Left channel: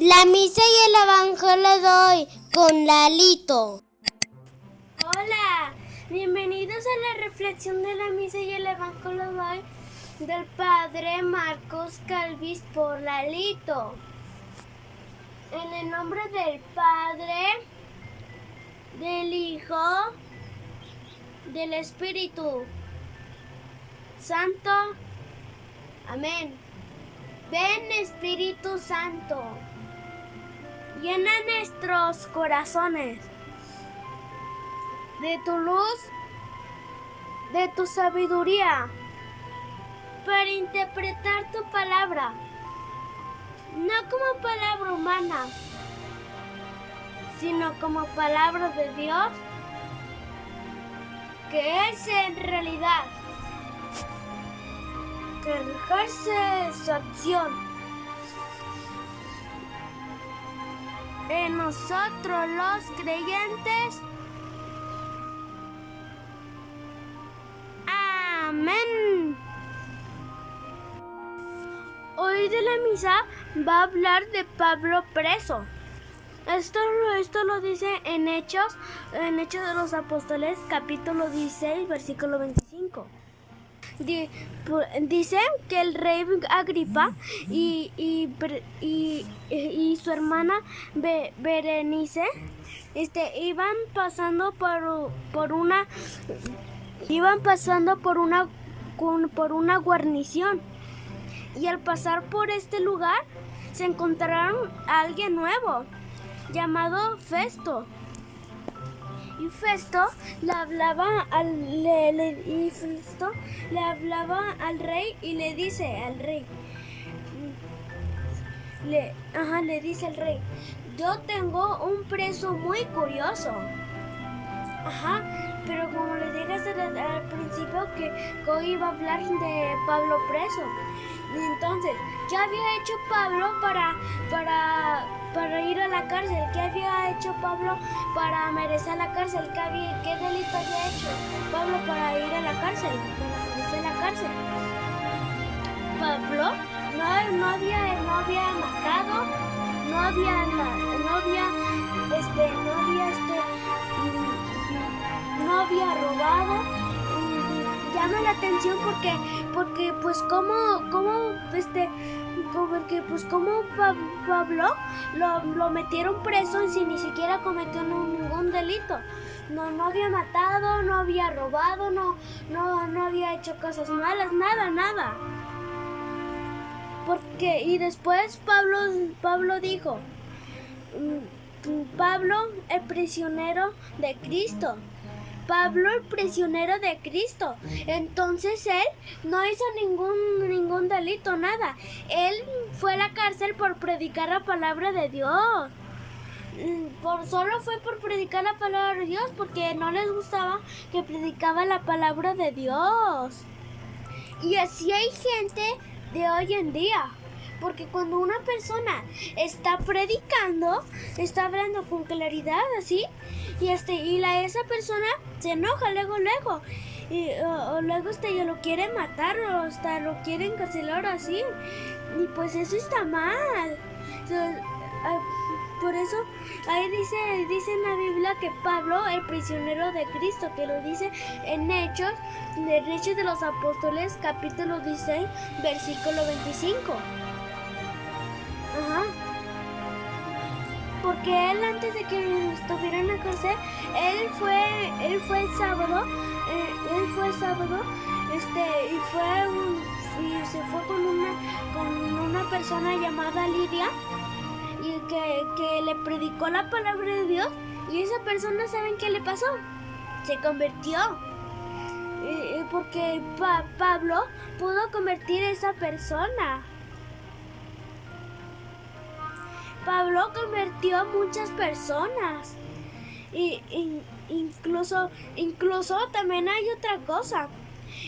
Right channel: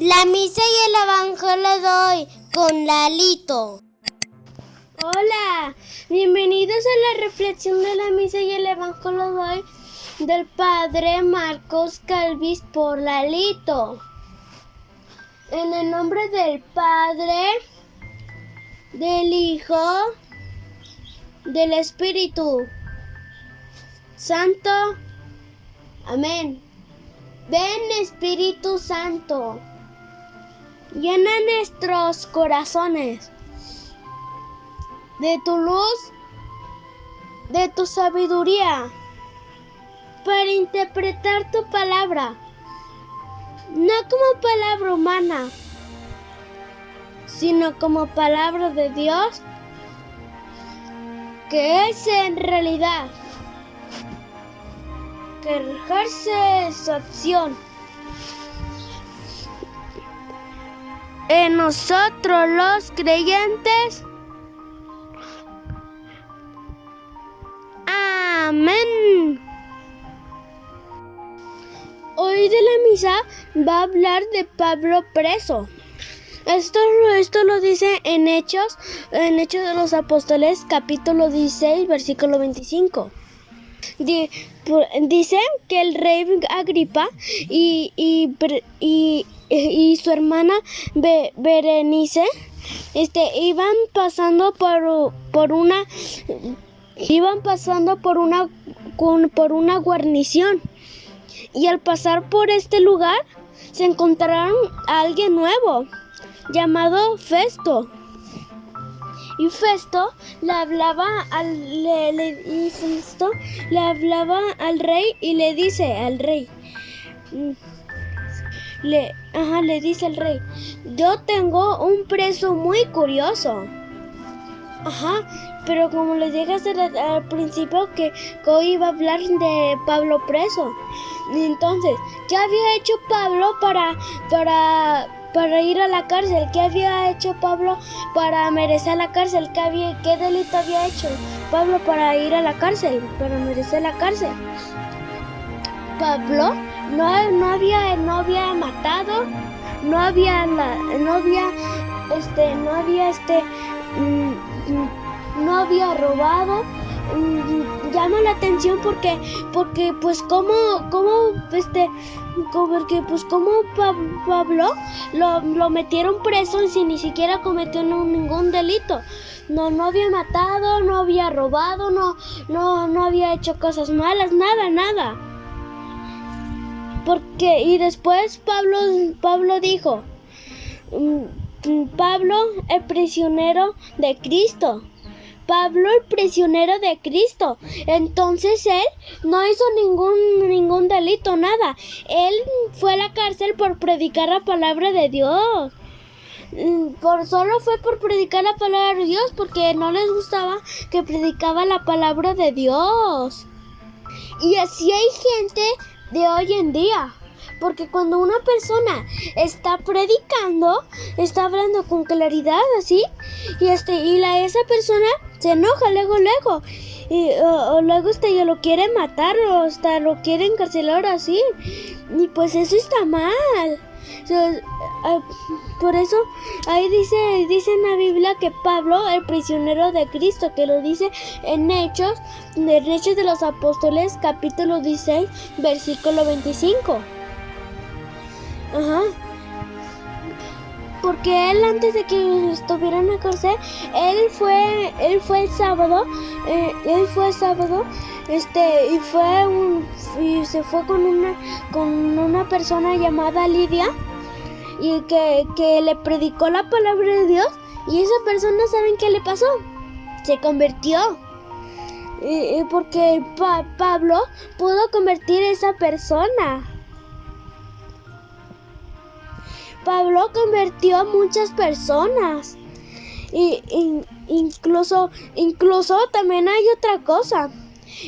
La misa y el evangelio de hoy con Lalito. Hola, bienvenidos a la reflexión de la misa y el evangelio de hoy del Padre Marcos Calvis por Lalito. En el nombre del Padre, del Hijo, del Espíritu Santo. Amén. Ven, Espíritu Santo, llena nuestros corazones de tu luz, de tu sabiduría, para interpretar tu palabra, no como palabra humana, sino como palabra de Dios, que es en realidad, que ejerce su acción en nosotros los creyentes. Amén. Hoy de la misa va a hablar de Pablo preso. Esto lo dice en Hechos de los Apóstoles, capítulo 16, versículo 25. Dice que el rey Agripa y su hermana Berenice iban pasando por una guarnición, y al pasar por este lugar se encontraron a alguien nuevo llamado Festo. Y Festo le hablaba al rey y le dice al rey, le dice al rey: yo tengo un preso muy curioso. Pero como les dije al principio que hoy iba a hablar de Pablo preso. Entonces, ¿qué había hecho Pablo para ir a la cárcel? ¿Qué había hecho Pablo para merecer la cárcel? ¿Qué delito había hecho Pablo para ir a la cárcel, para merecer la cárcel? Pablo no había matado, no había robado. Llama la atención porque Pablo lo metieron preso y ni siquiera cometió ningún delito. No había matado, no había robado, no había hecho cosas malas, nada. Y después Pablo dijo: Pablo, el prisionero de Cristo. Pablo, el prisionero de Cristo. Entonces él no hizo ningún delito, nada. Él fue a la cárcel por predicar la palabra de Dios. Solo fue por predicar la palabra de Dios, porque no les gustaba que predicaba la palabra de Dios. Y así hay gente de hoy en día. Porque cuando una persona está predicando, está hablando con claridad así, y esa persona se enoja luego, o luego ya lo quiere matar, o hasta lo quiere encarcelar así, y pues eso está mal. Por eso ahí dice en la Biblia que Pablo, el prisionero de Cristo, que lo dice en Hechos de los Apóstoles, capítulo 16, versículo 25. Porque él, antes de que estuviera en la cárcel, él fue el sábado, y se fue con una persona llamada Lidia, y que le predicó la palabra de Dios, y esa persona, ¿saben qué le pasó? Se convirtió. Porque Pablo pudo convertir a esa persona. Pablo convirtió a muchas personas. Incluso también hay otra cosa.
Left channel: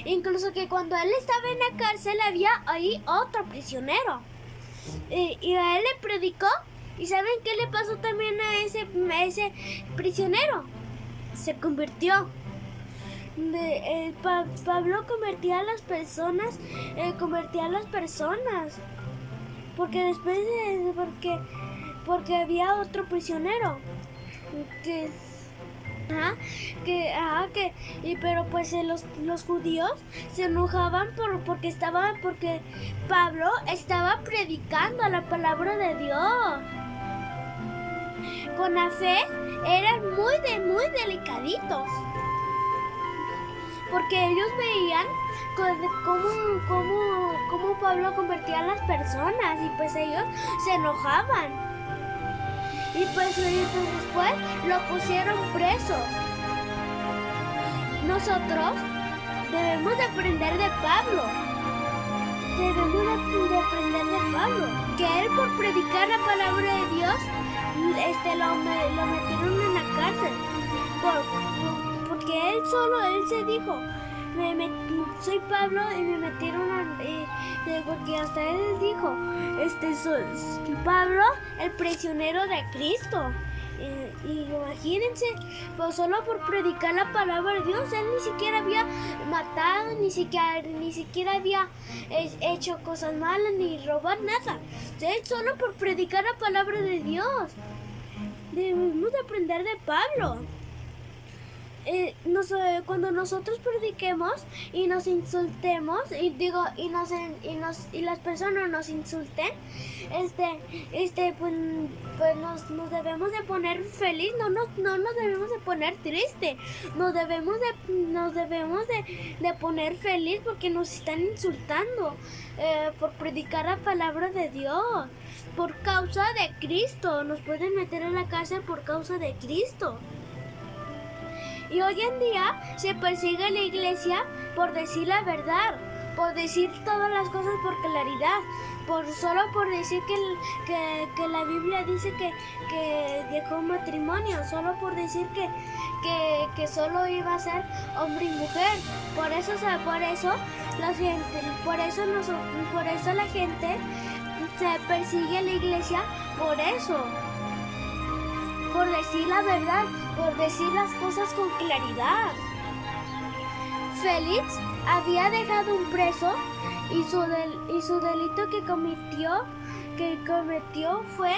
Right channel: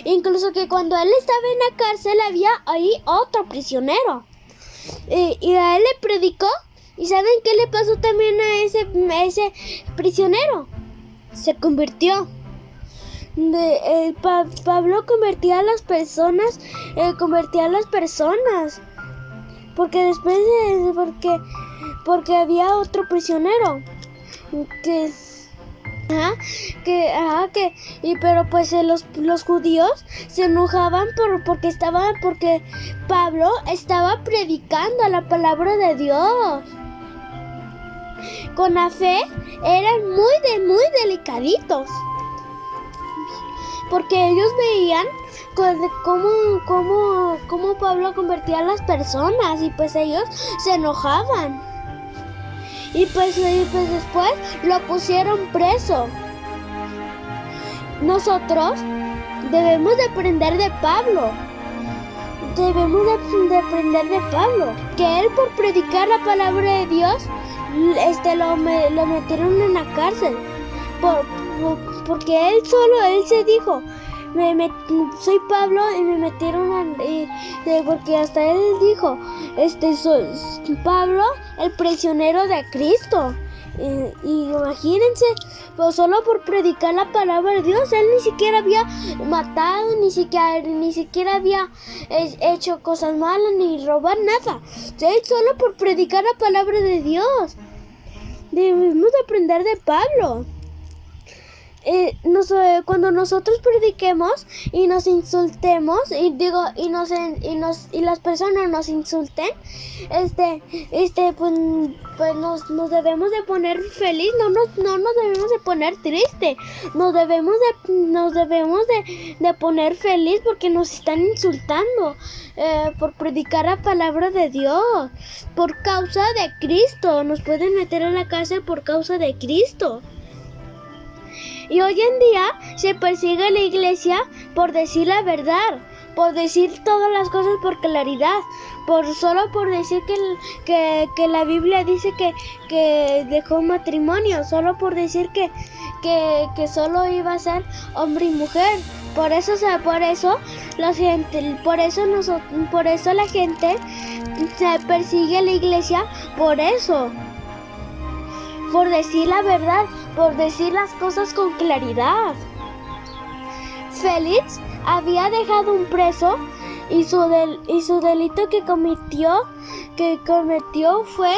Incluso que cuando él estaba en la cárcel había ahí otro prisionero. Y a él le predicó. ¿Y saben qué le pasó también a ese prisionero? Se convirtió. Pablo convertía a las personas. porque después porque había otro prisionero que pero pues los judíos se enojaban porque Pablo estaba predicando la palabra de Dios. Con la fe eran muy delicaditos, porque ellos veían cómo Pablo convertía a las personas y pues ellos se enojaban. Y pues después lo pusieron preso. Nosotros debemos de aprender de Pablo. De aprender de Pablo. Que él, por predicar la palabra de Dios, lo metieron en una cárcel. Porque él se dijo, soy Pablo y me metieron porque hasta él dijo, soy Pablo, el prisionero de Cristo. Y imagínense, pues solo por predicar la palabra de Dios, él ni siquiera había matado, ni siquiera había hecho cosas malas, ni robar nada. Él solo por predicar la palabra de Dios. Debemos aprender de Pablo. Cuando nosotros prediquemos y nos insultemos y las personas nos insulten, pues nos debemos de poner feliz, no nos debemos de poner triste, nos debemos de poner feliz porque nos están insultando por predicar la palabra de Dios, por causa de Cristo. Nos pueden meter en la cárcel por causa de Cristo. Y hoy en día se persigue a la iglesia por decir la verdad, por decir todas las cosas por claridad, solo por decir que la Biblia dice que dejó matrimonio, solo por decir que solo iba a ser hombre y mujer. Por eso la gente se persigue a la iglesia por eso. Por decir la verdad, por decir las cosas con claridad. Félix había dejado un preso y su delito que cometió fue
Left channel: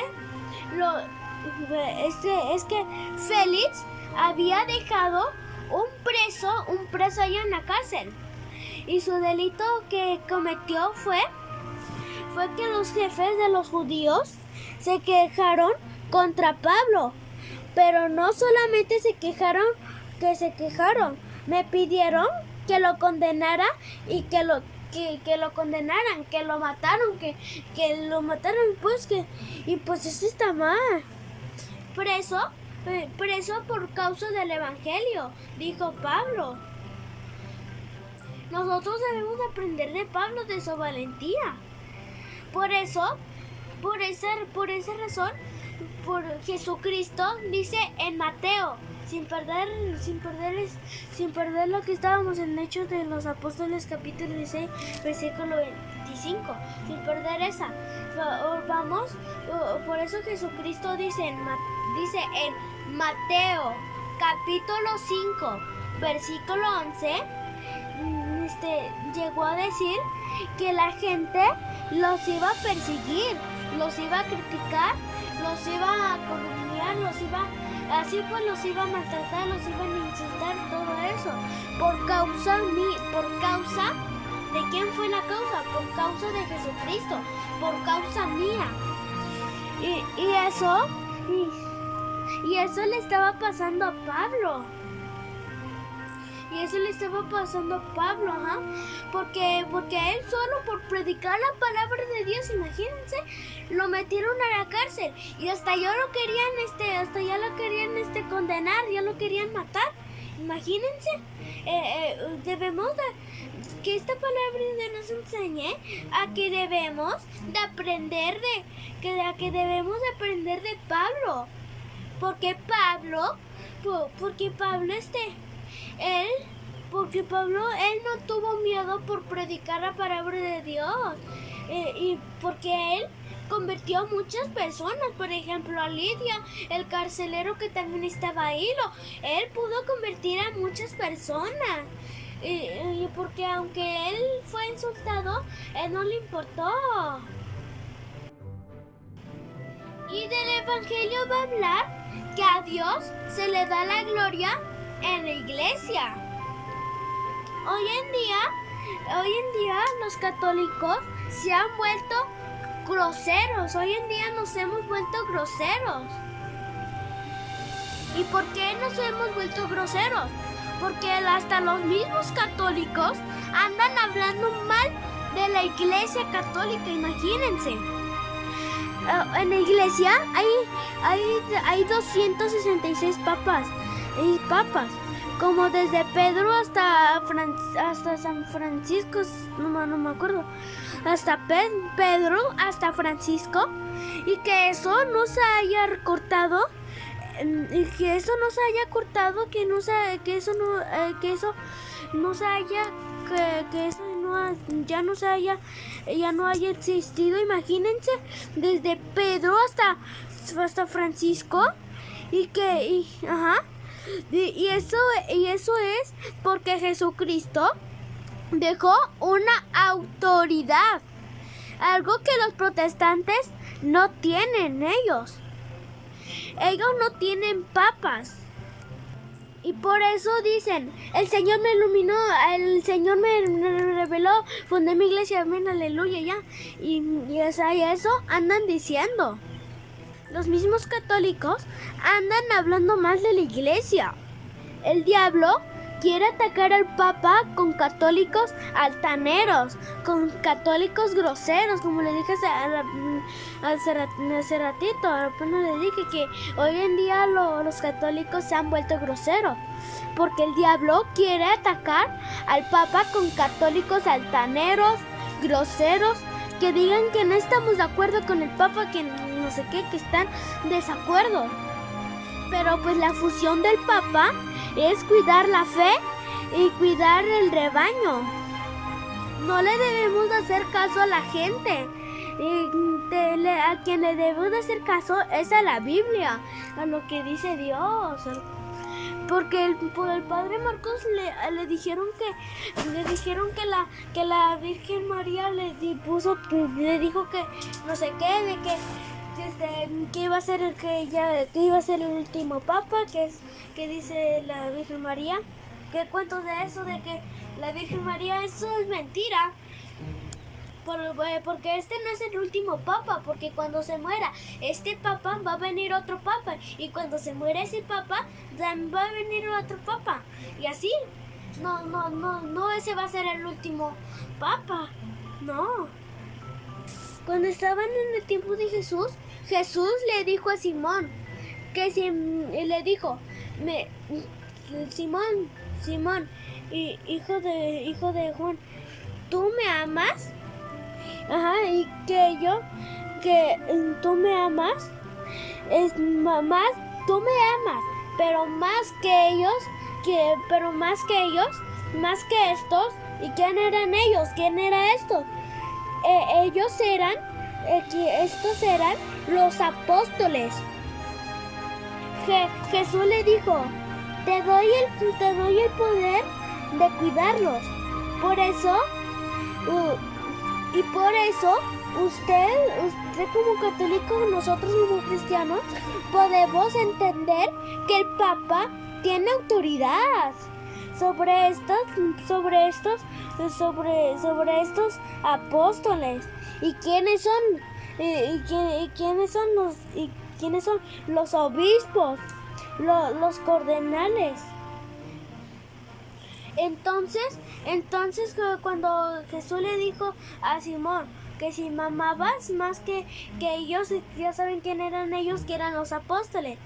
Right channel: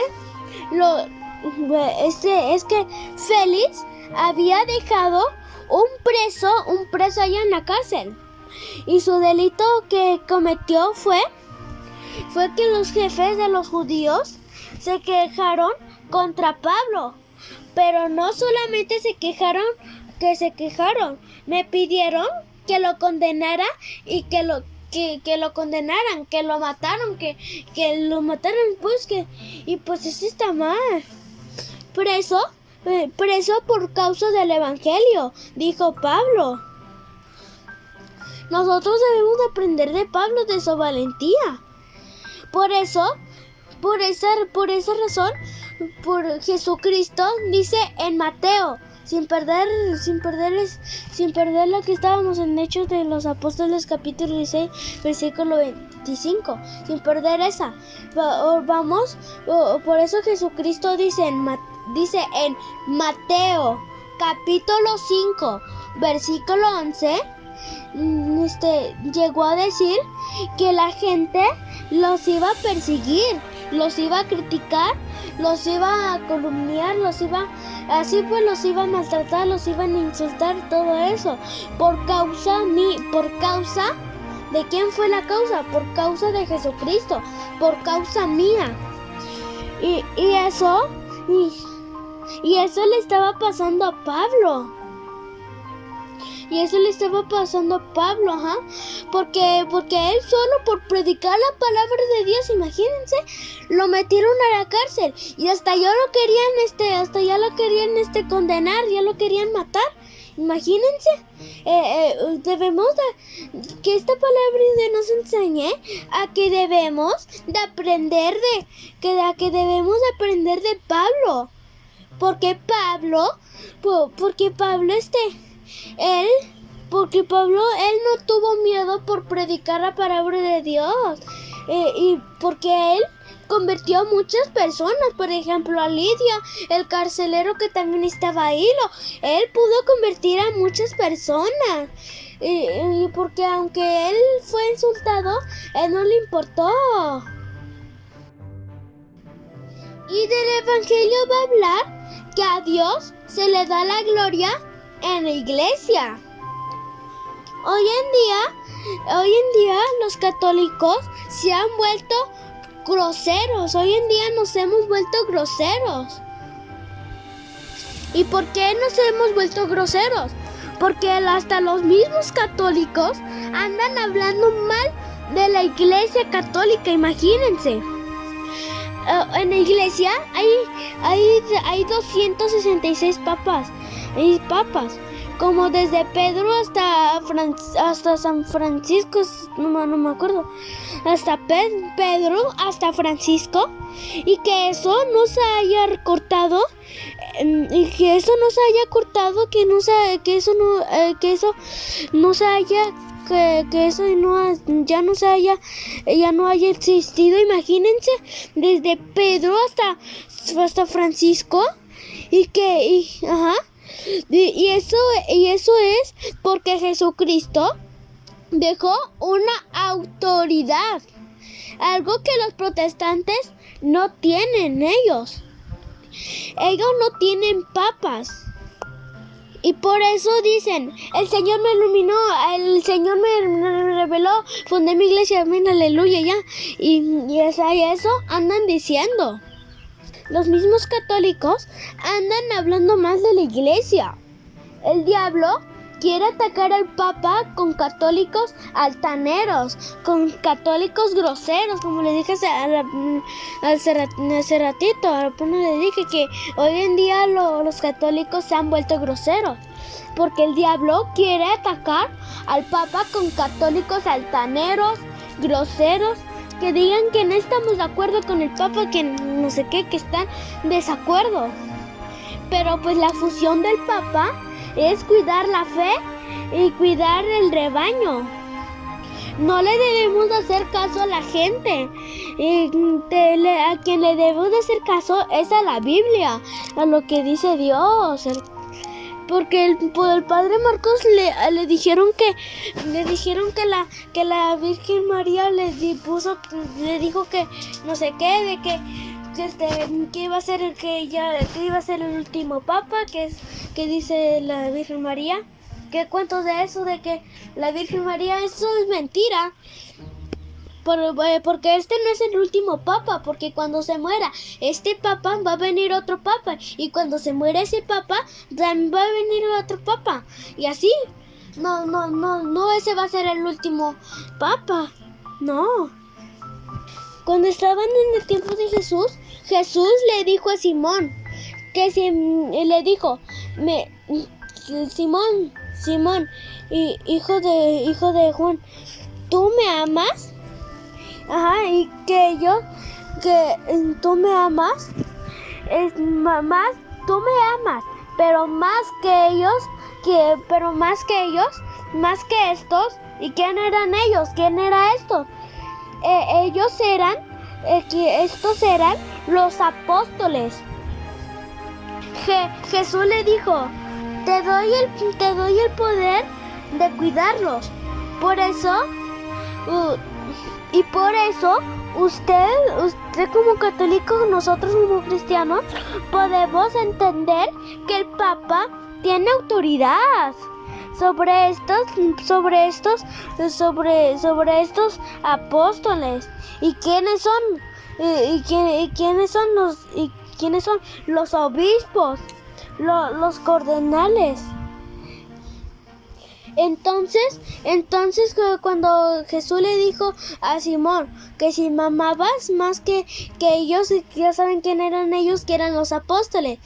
es que Félix había dejado un preso allá en la cárcel, y su delito que cometió fue que los jefes de los judíos se quejaron contra Pablo. Pero no solamente se quejaron, me pidieron que lo condenara y que lo condenaran, que lo mataron, y pues eso está mal. Preso por causa del evangelio, dijo Pablo. Nosotros debemos de aprender de Pablo, de su valentía. Por esa razón, por Jesucristo dice en Mateo, sin perder lo que estábamos en Hechos de los Apóstoles, capítulo 16, versículo 25, sin perder esa. Por eso Jesucristo dice en Mateo, capítulo 5, versículo 11, llegó a decir que la gente los iba a perseguir, los iba a criticar, los iba a calumniar, los iba a maltratar, los iban a insultar, todo eso por causa de quién fue la causa, por causa de Jesucristo, por causa mía. Y eso le estaba pasando a Pablo. Porque él solo por predicar la palabra de Dios, imagínense, lo metieron a la cárcel y hasta ya lo querían condenar, ya lo querían matar. Imagínense, debemos que esta palabra de Dios nos enseñe a que debemos de aprender de Pablo, porque Pablo él no tuvo miedo por predicar la palabra de Dios, y porque él convirtió a muchas personas, por ejemplo a Lidia, el carcelero que también estaba ahí, él pudo convertir a muchas personas, y porque aunque él fue insultado, él no le importó. Y del Evangelio va a hablar que a Dios se le da la gloria en la iglesia. Hoy en día los católicos se han vuelto groseros. Hoy en día nos hemos vuelto groseros. ¿Y por qué nos hemos vuelto groseros? Porque hasta los mismos católicos andan hablando mal de la iglesia católica, imagínense. En la iglesia hay 266 papas. Hay papas. Como desde Pedro hasta San Francisco, no me acuerdo. Hasta Pedro, hasta Francisco. Y que eso no se haya cortado. Y que eso no se haya cortado, que eso ya no haya existido. Imagínense, desde Pedro hasta Francisco, y eso es porque Jesucristo dejó una autoridad, algo que los protestantes no tienen ellos. Ellos no tienen papas. Y por eso dicen, el Señor me iluminó, el Señor me reveló, fundé mi iglesia, amén, aleluya, ya. Y eso andan diciendo. Los mismos católicos andan hablando mal de la iglesia. El diablo quiere atacar al Papa con católicos altaneros, con católicos groseros, como le dije hace ratito. Apenas le dije que hoy en día los católicos se han vuelto groseros, porque el diablo quiere atacar al Papa con católicos altaneros, groseros, que digan que no estamos de acuerdo con el Papa, que no sé qué, que están en desacuerdo. Pero pues la función del Papa es cuidar la fe y cuidar el rebaño. No le debemos de hacer caso a la gente. A quien le debemos de hacer caso es a la Biblia, a lo que dice Dios. Porque el padre Marcos le dijeron que la Virgen María le dijo que no sé qué, de que iba a ser el último papa, que dice la Virgen María. ¿Qué cuentos de eso? De que la Virgen María, eso es mentira. Porque este no es el último papa, porque cuando se muera este papa va a venir otro papa, y cuando se muera ese papa también va a venir otro papa, y así. No, ese va a ser el último papa. No. Cuando estaban en el tiempo de Jesús le dijo a Simón, le dijo, Simón, hijo de Juan, ¿tú me amas? Ajá, y que tú me amas, tú me amas, pero más que ellos, más que estos. ¿Y quién eran ellos? ¿Quién era esto? Estos eran los apóstoles. Jesús le dijo, te doy el poder de cuidarlos. Por eso usted como católico, nosotros como cristianos, podemos entender que el Papa tiene autoridad sobre estos apóstoles. ¿Y quiénes son? ¿Quiénes son los obispos? Los cardenales. Entonces cuando Jesús le dijo a Simón que si me amabas más que ellos, ya saben quién eran ellos, que eran los apóstoles.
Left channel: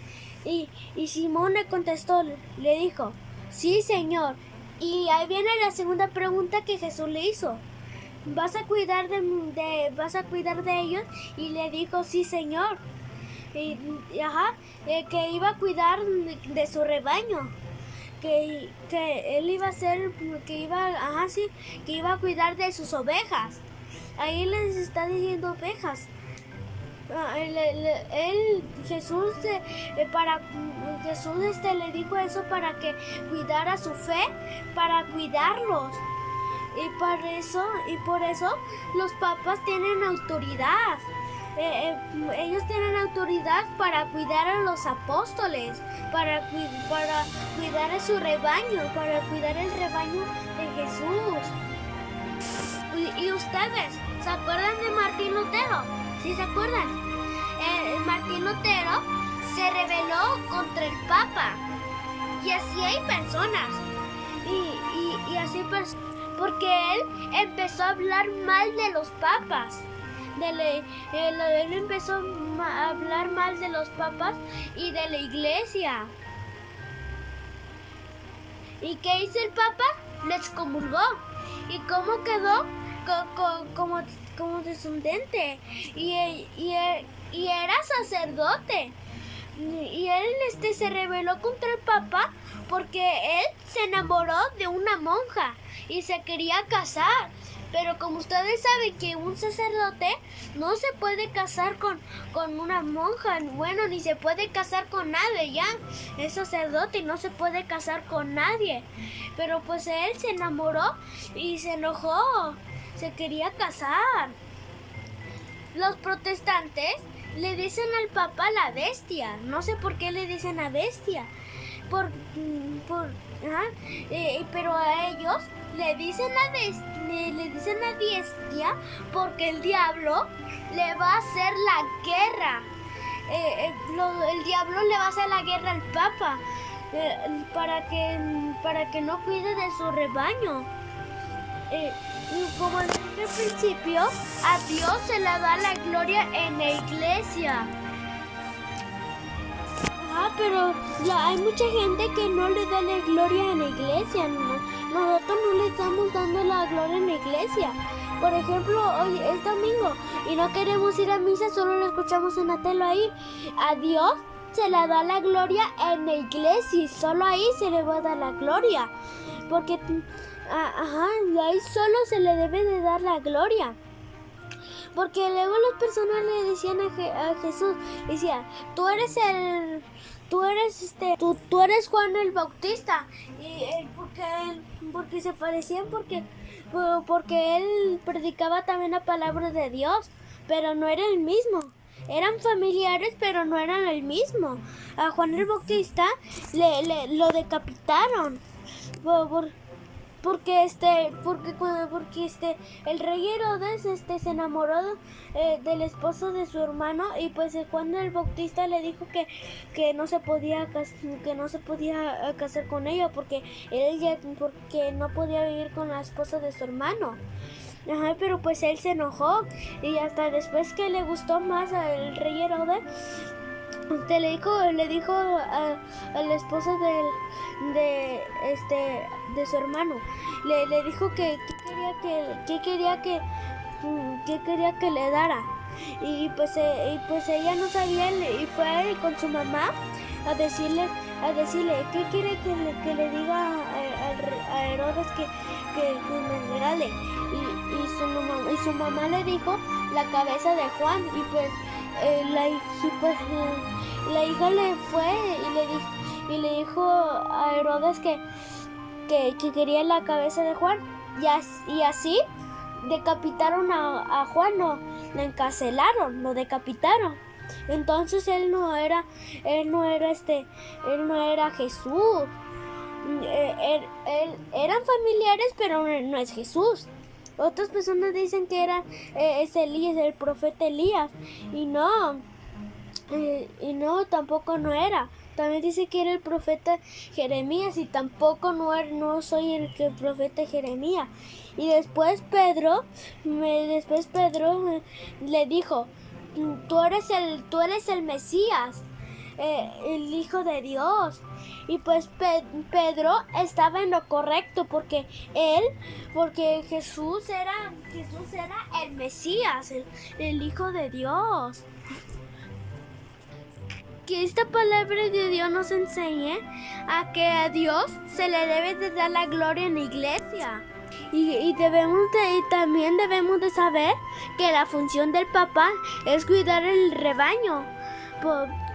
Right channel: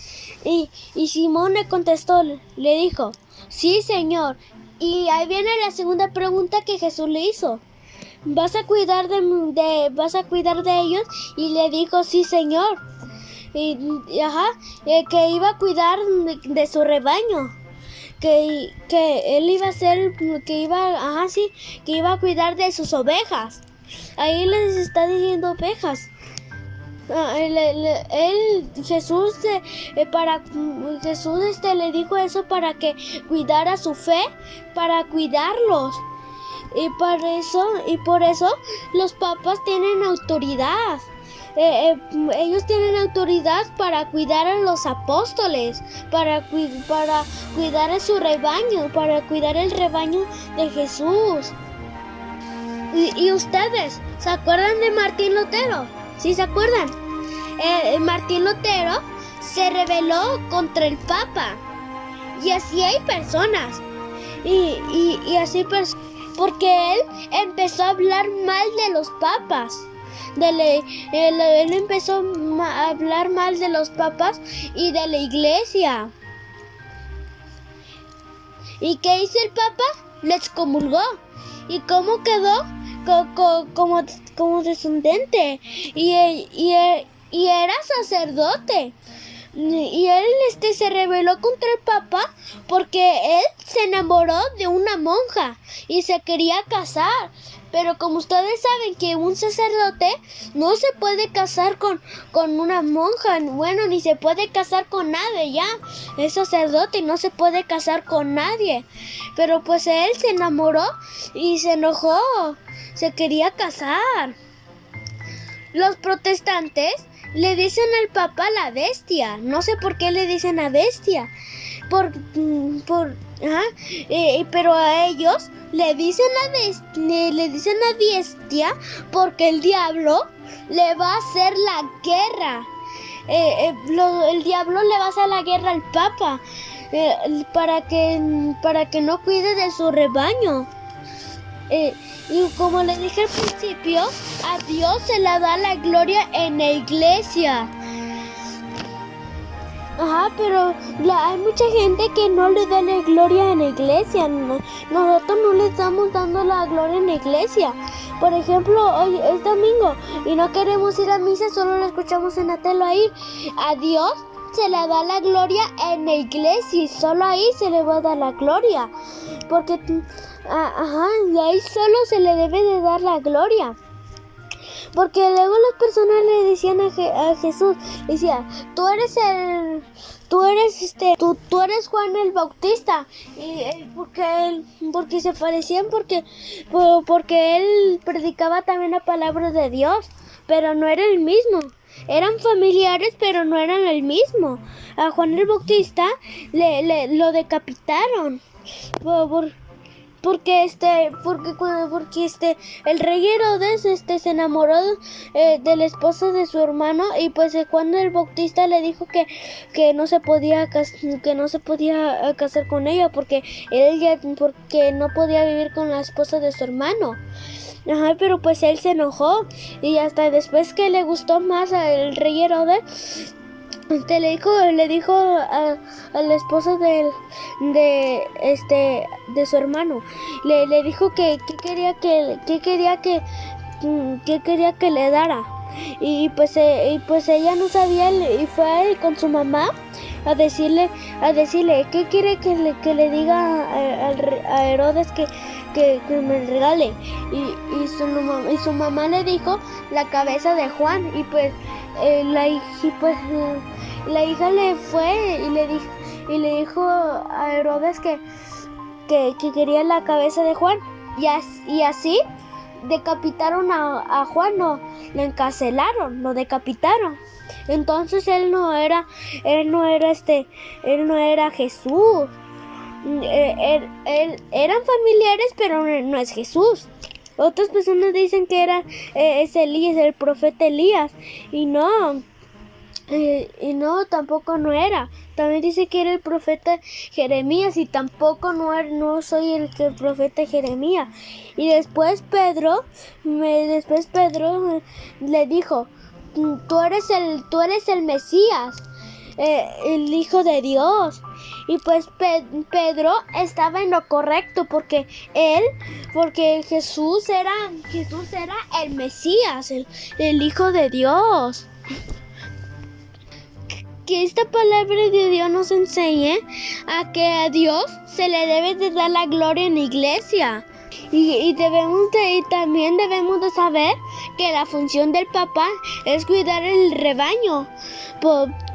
Y Simón le contestó, le dijo, sí, Señor. Y ahí viene la segunda pregunta que Jesús le hizo. ¿Vas a cuidar de ellos? Y le dijo, sí, Señor. Que iba a cuidar de su rebaño. Que él iba a ser, que iba a cuidar de sus ovejas. Ahí les está diciendo ovejas. Jesús le dijo eso para que cuidara su fe, para cuidarlos. Y por eso los papas tienen autoridad. ellos tienen autoridad para cuidar a los apóstoles, para cuidar a su rebaño, para cuidar el rebaño de Jesús. ¿Y ustedes se acuerdan de Martín Lutero? ¿Sí se acuerdan? Martín Lutero se rebeló contra el Papa. Y así hay personas. Y así porque él empezó a hablar mal de los papas. Él empezó a hablar mal de los papas y de la iglesia. ¿Y qué hizo el Papa? Le excomulgó. ¿Y cómo quedó? Como descendente. Y era sacerdote. Y él se rebeló contra el Papa porque él se enamoró de una monja y se quería casar. Pero como ustedes saben que un sacerdote no se puede casar con una monja, bueno, ni se puede casar con nadie ya. Es sacerdote y no se puede casar con nadie. Pero pues él se enamoró y se enojó, se quería casar. Los protestantes le dicen al Papa la bestia. No sé por qué le dicen la bestia. Pero a ellos le dicen la bestia porque el diablo le va a hacer la guerra. El diablo le va a hacer la guerra al Papa para que no cuide de su rebaño. Y como le dije al principio, a Dios se le da la gloria en la iglesia. Pero hay mucha gente que no le da la gloria en la iglesia. Nosotros no le estamos dando la gloria en la iglesia. Por ejemplo, hoy es domingo y no queremos ir a misa, solo lo escuchamos en la tele ahí. A Dios se le da la gloria en la iglesia y solo ahí se le va a dar la gloria. Porque y ahí solo se le debe de dar la gloria. Porque luego las personas le decían a Jesús, decía, tú eres Juan el Bautista. Y porque se parecían, porque él predicaba también la palabra de Dios, pero no era el mismo. Eran familiares, pero no eran el mismo. A Juan el Bautista lo decapitaron. Porque el rey Herodes se enamoró de la esposa de su hermano y pues Juan el Bautista le dijo que no se podía casar con ella porque no podía vivir con la esposa de su hermano. Pero pues él se enojó y hasta después que le gustó más al rey Herodes, le dijo a la esposa de su hermano, le dijo que quería que le dara. Y pues ella no sabía y fue con su mamá a decirle qué quiere que le diga a Herodes que me regale. Y su mamá le dijo la cabeza de Juan y pues la hija le fue y le dijo a Herodes que quería la cabeza de Juan y así decapitaron a Juan, lo encarcelaron, lo decapitaron. Entonces él no era Jesús. Eran familiares, pero no es Jesús. Otras personas dicen que es Elías, el profeta Elías, y no, tampoco no era. También dice que era el profeta Jeremías y tampoco no soy el profeta Jeremías. Y después Pedro le dijo, tú eres el Mesías, el Hijo de Dios. Y pues Pedro estaba en lo correcto porque Jesús era el Mesías, el Hijo de Dios. Que esta palabra de Dios nos enseñe a que a Dios se le debe de dar la gloria en la iglesia. Y también debemos de saber que la función del Papa es cuidar el rebaño.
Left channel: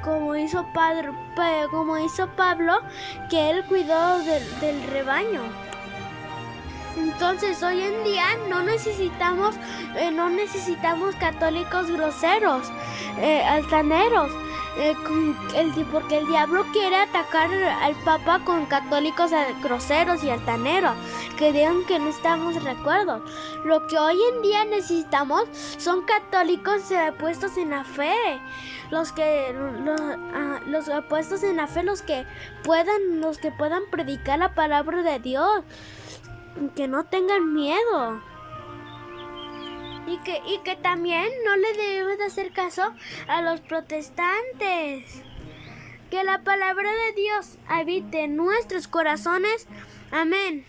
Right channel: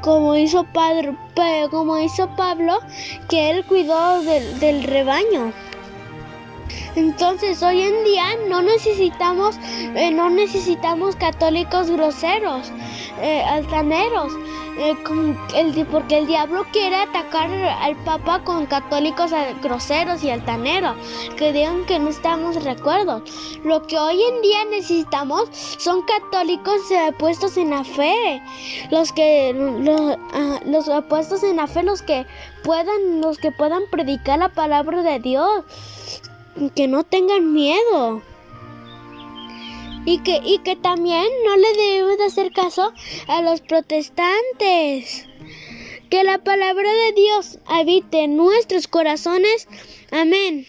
Como hizo Pablo, que él cuidó del rebaño. Entonces hoy en día no necesitamos católicos groseros, altaneros, porque el diablo quiere atacar al Papa con católicos groseros y altaneros, que digan que no estamos de acuerdo. Lo que hoy en día necesitamos son católicos puestos en la fe, los puestos en la fe, los que puedan predicar la palabra de Dios, que no tengan miedo. Y que también no le debemos de hacer caso a los protestantes. Que la palabra de Dios habite en nuestros corazones. Amén.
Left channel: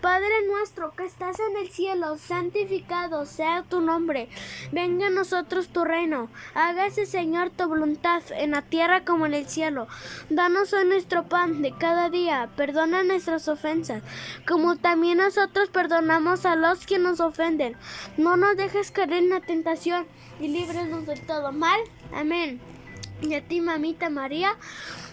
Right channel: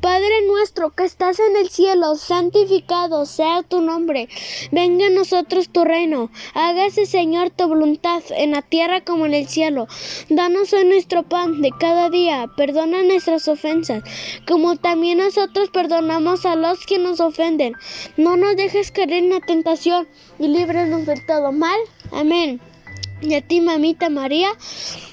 Padre nuestro que estás en el cielo, santificado sea tu nombre. Venga a nosotros tu reino. Hágase, Señor, tu voluntad en la tierra como en el cielo. Danos hoy nuestro pan de cada día. Perdona nuestras ofensas, como también nosotros perdonamos a los que nos ofenden. No nos dejes caer en la tentación y líbranos del todo mal. Amén. Y a ti, mamita María,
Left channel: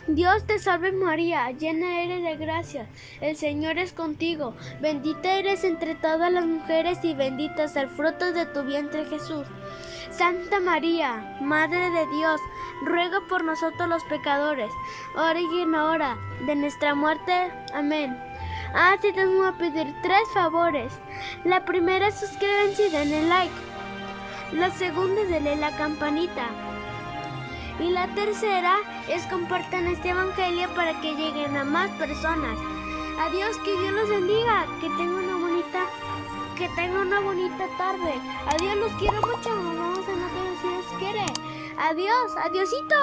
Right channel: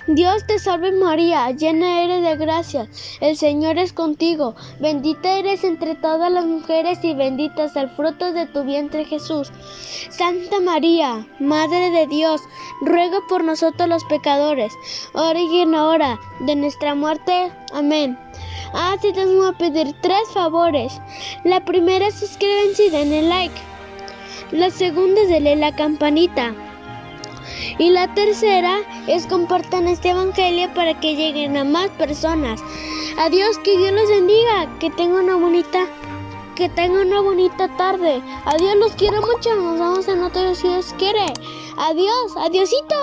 Dios te salve María, llena eres de gracia, el Señor es contigo, bendita eres entre todas las mujeres y bendito es el fruto de tu vientre Jesús. Santa María, Madre de Dios, ruega por nosotros los pecadores, ahora y en la hora de nuestra muerte. Amén. Sí, te voy a pedir 3 favores. La primera es suscríbanse y denle like. La segunda es darle la campanita. Y la tercera es compartan este evangelio para que lleguen a más personas. Adiós, que Dios los bendiga, que tengan una bonita tarde. Adiós, los quiero mucho, nos vemos en otro si Dios quiere. Adiós, adiosito.